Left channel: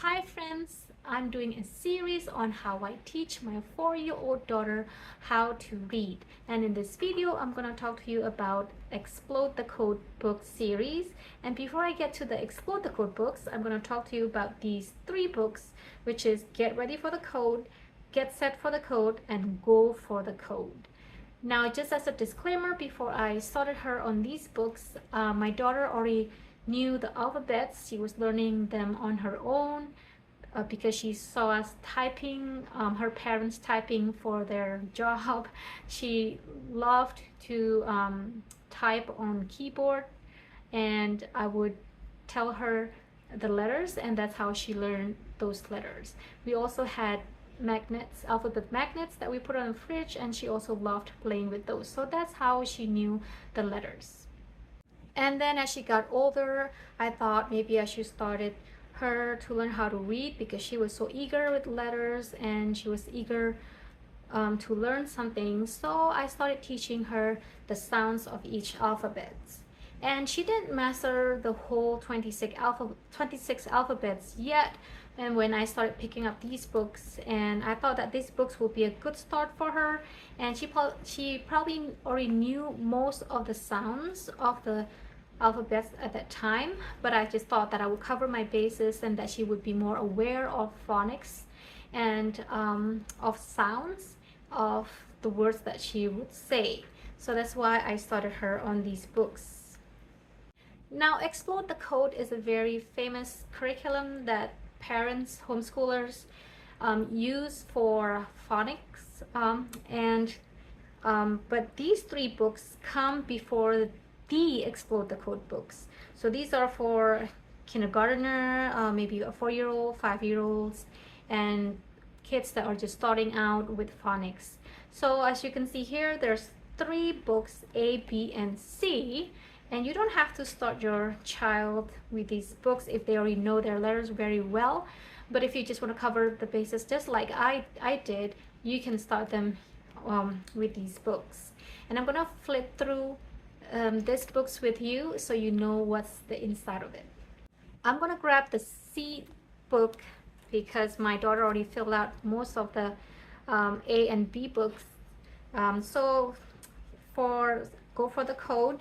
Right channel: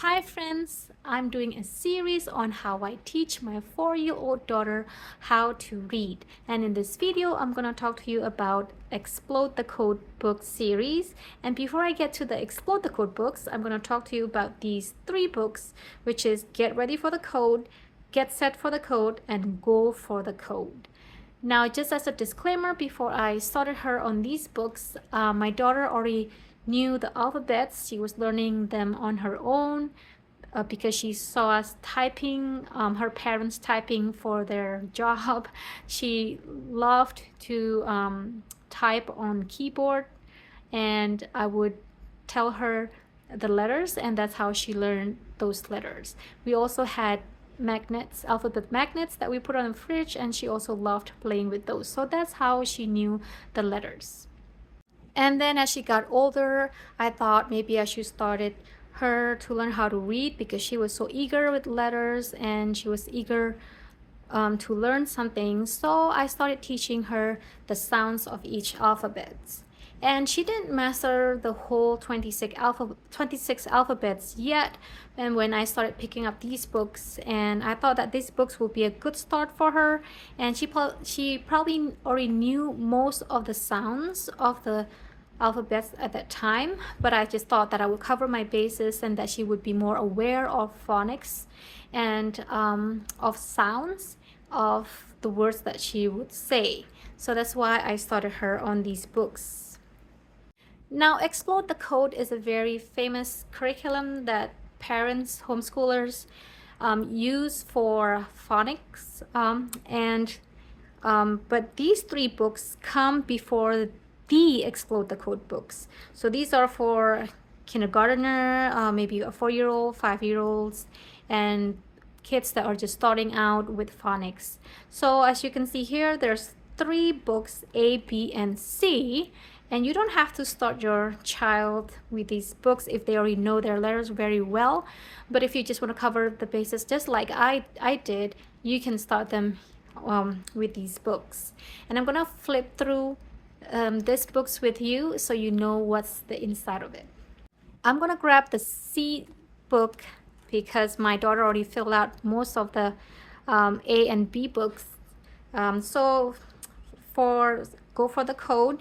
Hi friends, I'm doing a series on how I teach my 4-year-old daughter how to read. And in this video, I'm going to talk to you about Explode the Code book series. And before I get to the Explode the Code books, I'm going to talk to you about these 3 books, which is Get Ready for the Code, Get Set for the Code, and Go for the Code. Now, just as a disclaimer, before I started her on these books, my daughter already knew the alphabets. She was learning them on her own because she saw us typing, her parents typing for their job. She loved to type on keyboard, and I would tell her the letters, and that's how she learned those letters. We also had magnets, alphabet magnets that we put on the fridge, and she also loved playing with those. So that's how she knew the letters. And then as she got older, I thought maybe I should started her to learn how to read because she was so eager with letters and she was eager to learn something. So I started teaching her the sounds of each alphabet. And she didn't master the whole 26 alphabets yet. And when I started picking up these books, and I thought that these books would be a good start for her, and she probably already knew most of the sounds of the alphabets at that time, but I just thought that I would cover my bases and that she would be more aware of phonics and of sounds of the words that she would say. So that's why I started her on these books. Now, Explode the Code is a very famous curriculum that parents, homeschoolers use for phonics, but these 3 books come before the Explode the Code books. So these are for kindergartner, maybe a 4-year-old, 5-year-olds, and kids that are just starting out with phonics. So as you can see here, there's 3 books, A, B, and C. And you don't have to start your child with these books if they already know their letters very well. But if you just want to cover the bases just like I did, you can start them with these books. And I'm going to flip through these books with you so you know what's the inside of it. I'm going to grab the C book because my daughter already filled out most of the A and B books. So for Go for the Code,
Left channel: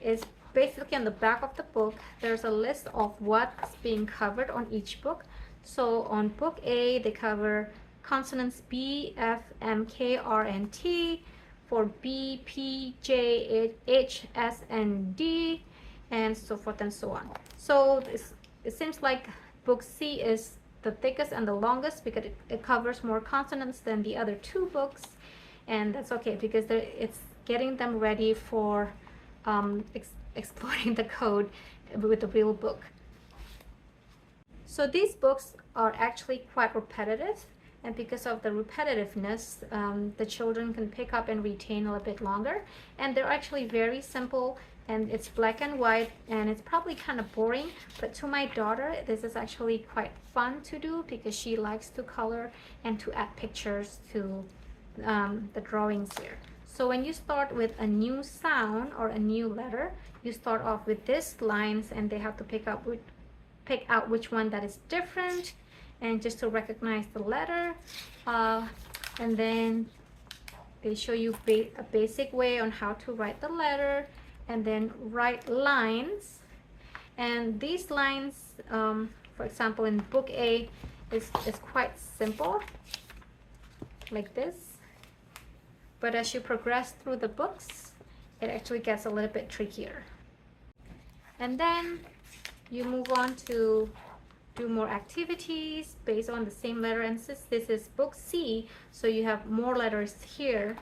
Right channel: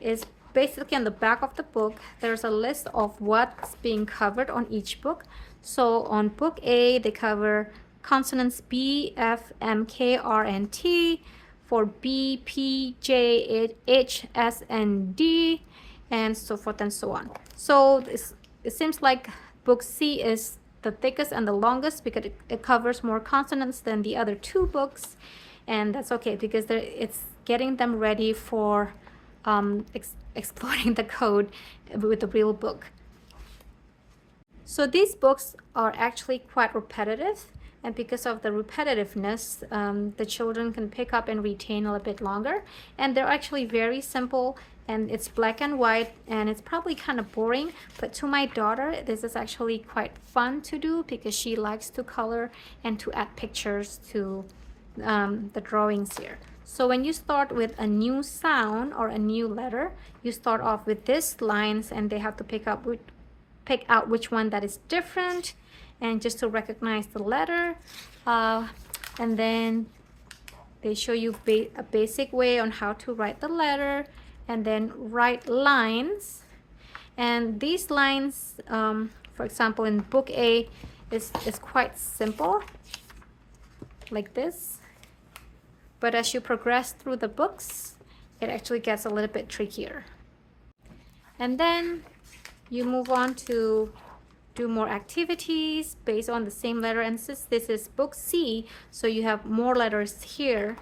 is basically on the back of the book. There's a list of what's being covered on each book. So on book A, they cover consonants B, F, M, K, R, and T. For B, P, J, H, S, and D, and so forth and so on. So it seems like book C is the thickest and the longest because it covers more consonants than the other 2 books, and that's okay because it's getting them ready for exploring the code with the real book. So these books are actually quite repetitive, and because of the repetitiveness, the children can pick up and retain a little bit longer. And they're actually very simple, and it's black and white, and it's probably kind of boring, but to my daughter this is actually quite fun to do because she likes to color and to add pictures to the drawings here. So when you start with a new sound or a new letter, you start off with these lines, and they have to pick out which one that is different, and just to recognize the letter. And then they show you a basic way on how to write the letter, and then write lines. And these lines, for example, in book A, is quite simple, like this. But as you progress through the books, it actually gets a little bit trickier. And then you move on to do more activities based on the same letter. And since this is book C, so you have more letters here.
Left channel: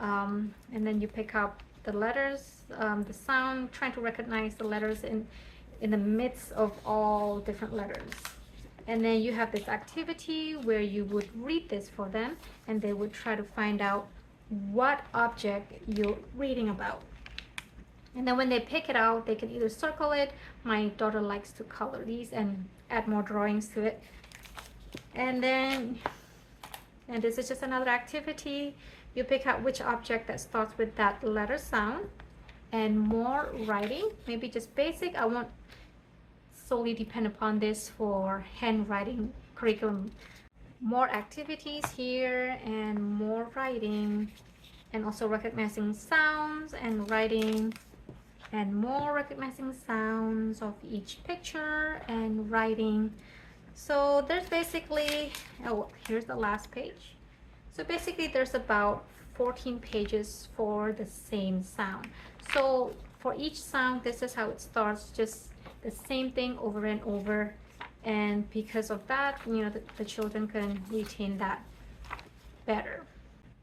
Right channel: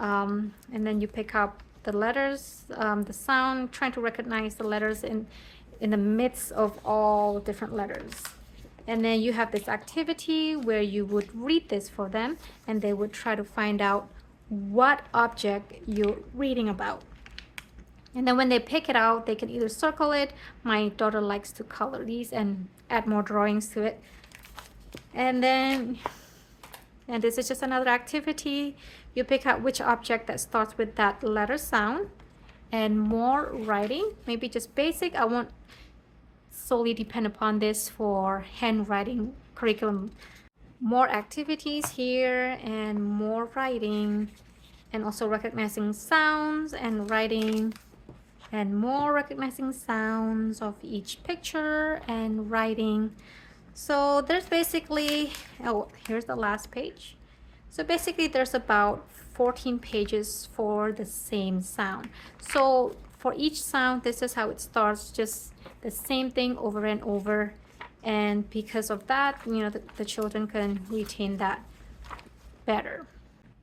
And then you pick up the letters, the sound, trying to recognize the letters in the midst of all different letters. And then you have this activity where you would read this for them, and they would try to find out what object you're reading about. And then when they pick it out, they can either circle it. My daughter likes to color these and add more drawings to it. And this is just another activity. You pick out which object that starts with that letter sound, and more writing, maybe just basic. I won't solely depend upon this for handwriting curriculum. More activities here and more writing, and also recognizing sounds and writing, and more recognizing sounds of each picture and writing. So there's basically, oh, here's the last page. So basically there's about 14 pages for the same sound. So for each sound, this is how it starts, just the same thing over and over. And because of that, you know, the children can retain that better.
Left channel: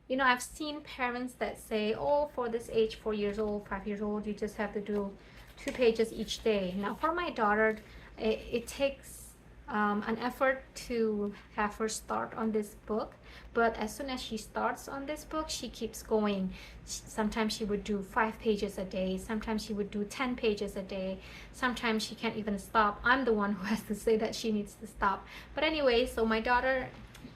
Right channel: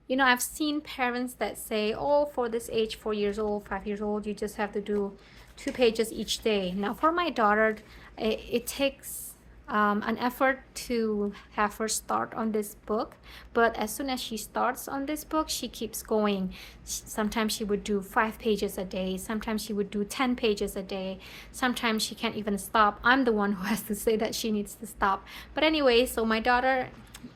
You know, I've seen parents that say, oh, for this age, 4 years old, 5 years old, you just have to do 2 pages each day. Now for my daughter, it takes an effort to have her start on this book, but as soon as she starts on this book, she keeps going. Sometimes she would do 5 pages a day, sometimes she would do 10 pages a day, sometimes she can't even stop. I'm the one who has to say that she needs to stop. But anyway, so my daughter,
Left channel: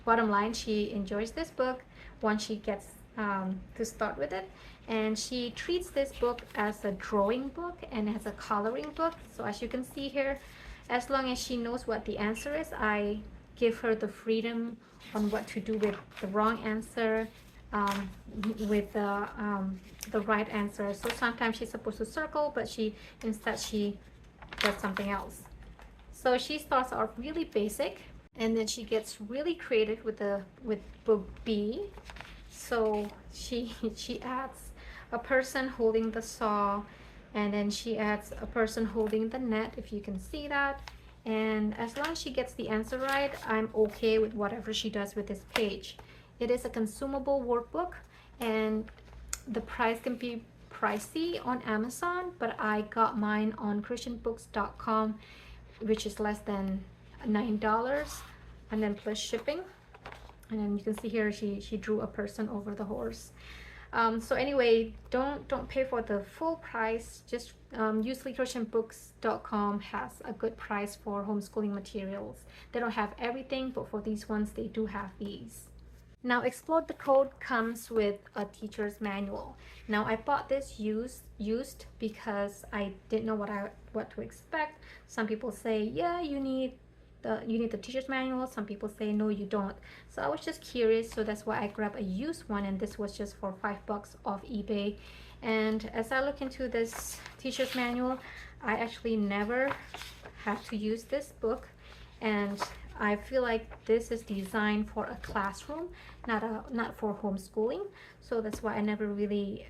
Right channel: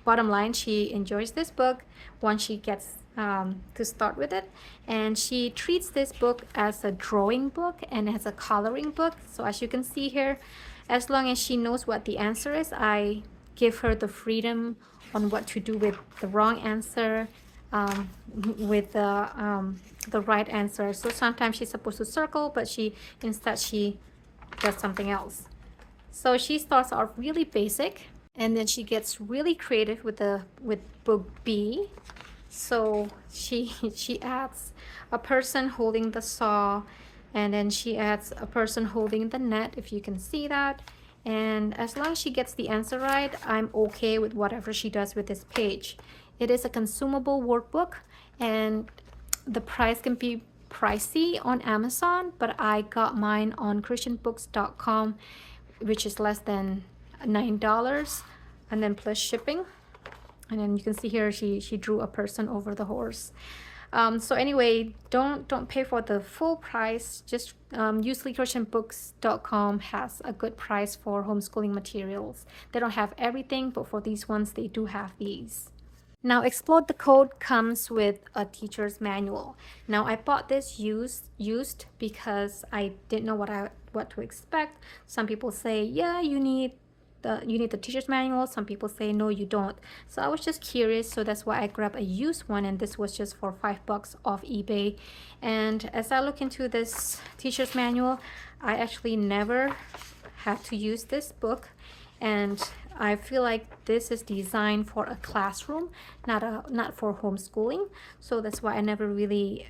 bottom line, she enjoys this book once she gets to start with it, and she treats this book as a drawing book and as a coloring book. So as you can see here, as long as she knows what the answer is, I give her the freedom on what to do with the wrong answer, with the right answer. So sometimes she's supposed to circle, but instead she does something else. So she starts out really basic, and then she gets really creative with book B. So she adds a person holding the saw, and then she adds a person holding the net, if you can see that. And as long as she gets the answer right, I'm okay with whatever she does with this page. It is a consumable workbook, and the price can be pricey on Amazon, but I got mine on christianbooks.com, which is less than $9, and then plus shipping. And then you can see here she drew a person over the horse. So anyway, don't pay for the full price. Just usually christianbooks.com has a good price for homeschooling materials. They don't have everything, but for these ones they do have these. Now Explode the Code comes with a teacher's manual. Now I bought this used because I didn't know what to expect. Some people say, yeah, you need the teacher's manual. Some people say no, you don't. So I was just curious, so that's why I grabbed a used one, and this was just for $5 off eBay. And as I look into this teacher's manual, I actually never had to use this book, and I feel like this is designed for a classroom, not for homeschooling. So that's why I never really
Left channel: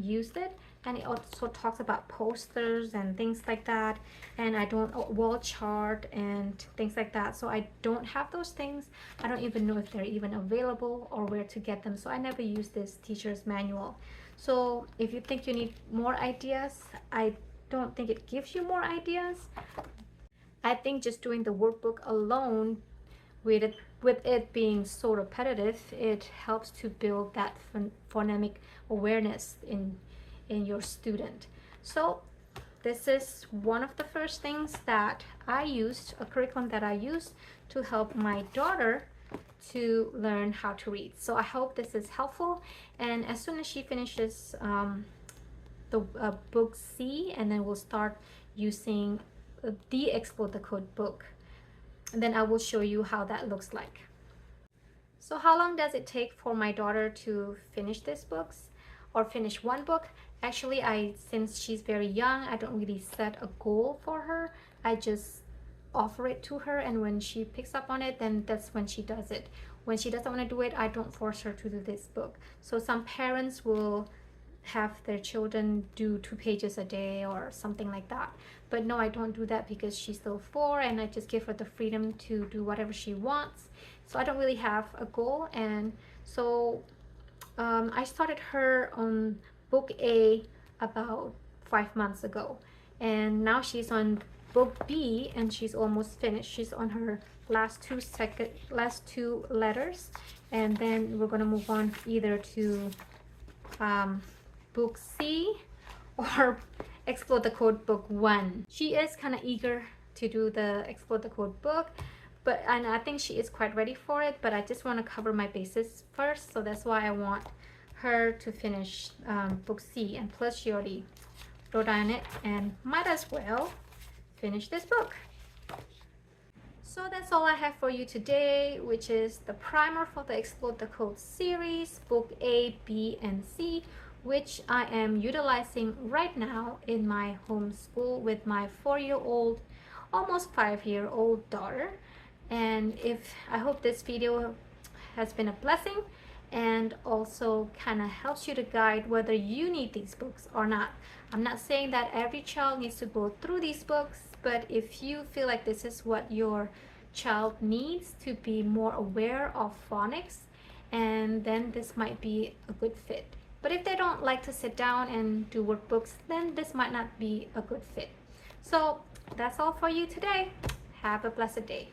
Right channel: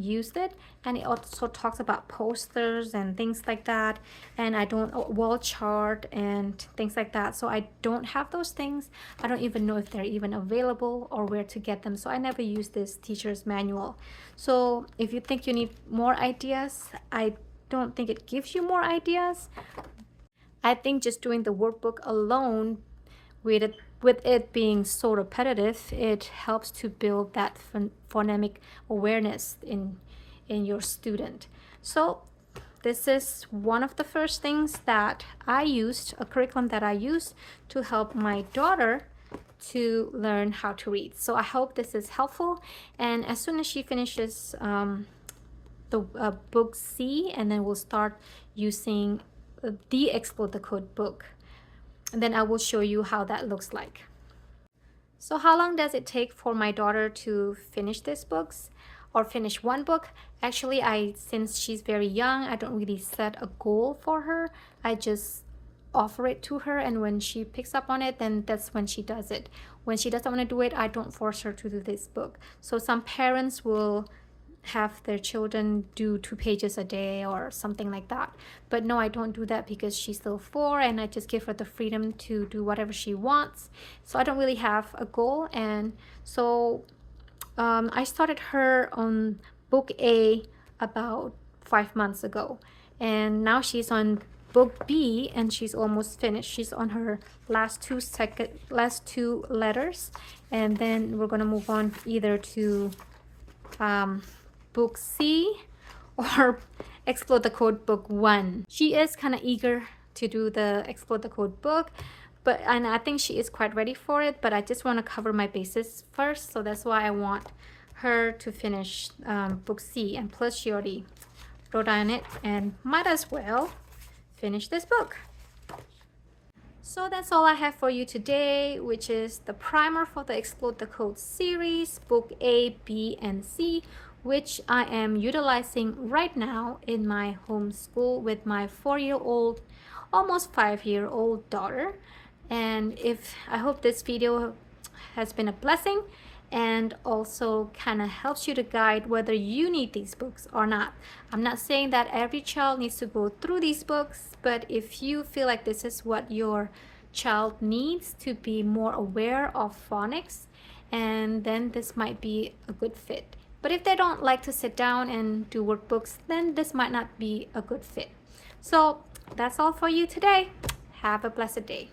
used it. And it also talks about posters and things like that, and I don't wall chart and things like that. So I don't have those things. I don't even know if they're even available or where to get them. So I never use this teacher's manual. So if you think you need more ideas, I don't think it gives you more ideas. I think just doing the workbook alone, with it being so repetitive, it helps to build that phonemic awareness in your student. So this is one of the first things that I used, a curriculum that I used to help my daughter to learn how to read. So I hope this is helpful, and as soon as she finishes the book C, and then we'll start using the Explode the Code book, and then I will show you how that looks like. So how long does it take for my daughter to finish these books or finish one book? Actually, since she's very young, I don't really set a goal for her. I just offer it to her, and when she picks up on it, then that's when she does it. When she doesn't want to do it, I don't force her to do this book. So some parents will have their children do 2 pages a day or something like that, but no, I don't do that because she's still 4, and I just give her the freedom to do whatever she wants. So I don't really have a goal. And so I started her on book A about 5 months ago, and now she's on book B, and she's almost finished. She's on her last two letters, and then we're gonna move on either to book C or Explode the Code book 1. She is kind of eager to do the Explode the Code book, and I think she is quite ready for it, but I just want to cover my bases first. So that's why I want her to finish book C, and plus she already wrote on it and might as well finish this book. So that's all I have for you today, which is the primer for the Explode the Code series, book A, B, and C, which I am utilizing right now in my homeschool with my 4-year-old, almost 5-year-old daughter. And if I hope this video has been a blessing and also kind of helps you to guide whether you need these books or not. I'm not saying that every child needs to go through these books, but if you feel like this is what your child needs to be more aware of phonics, and then this might be a good fit. But if they don't like to sit down and do workbooks, then this might not be a good fit. So that's all for you today. Have a blessed day.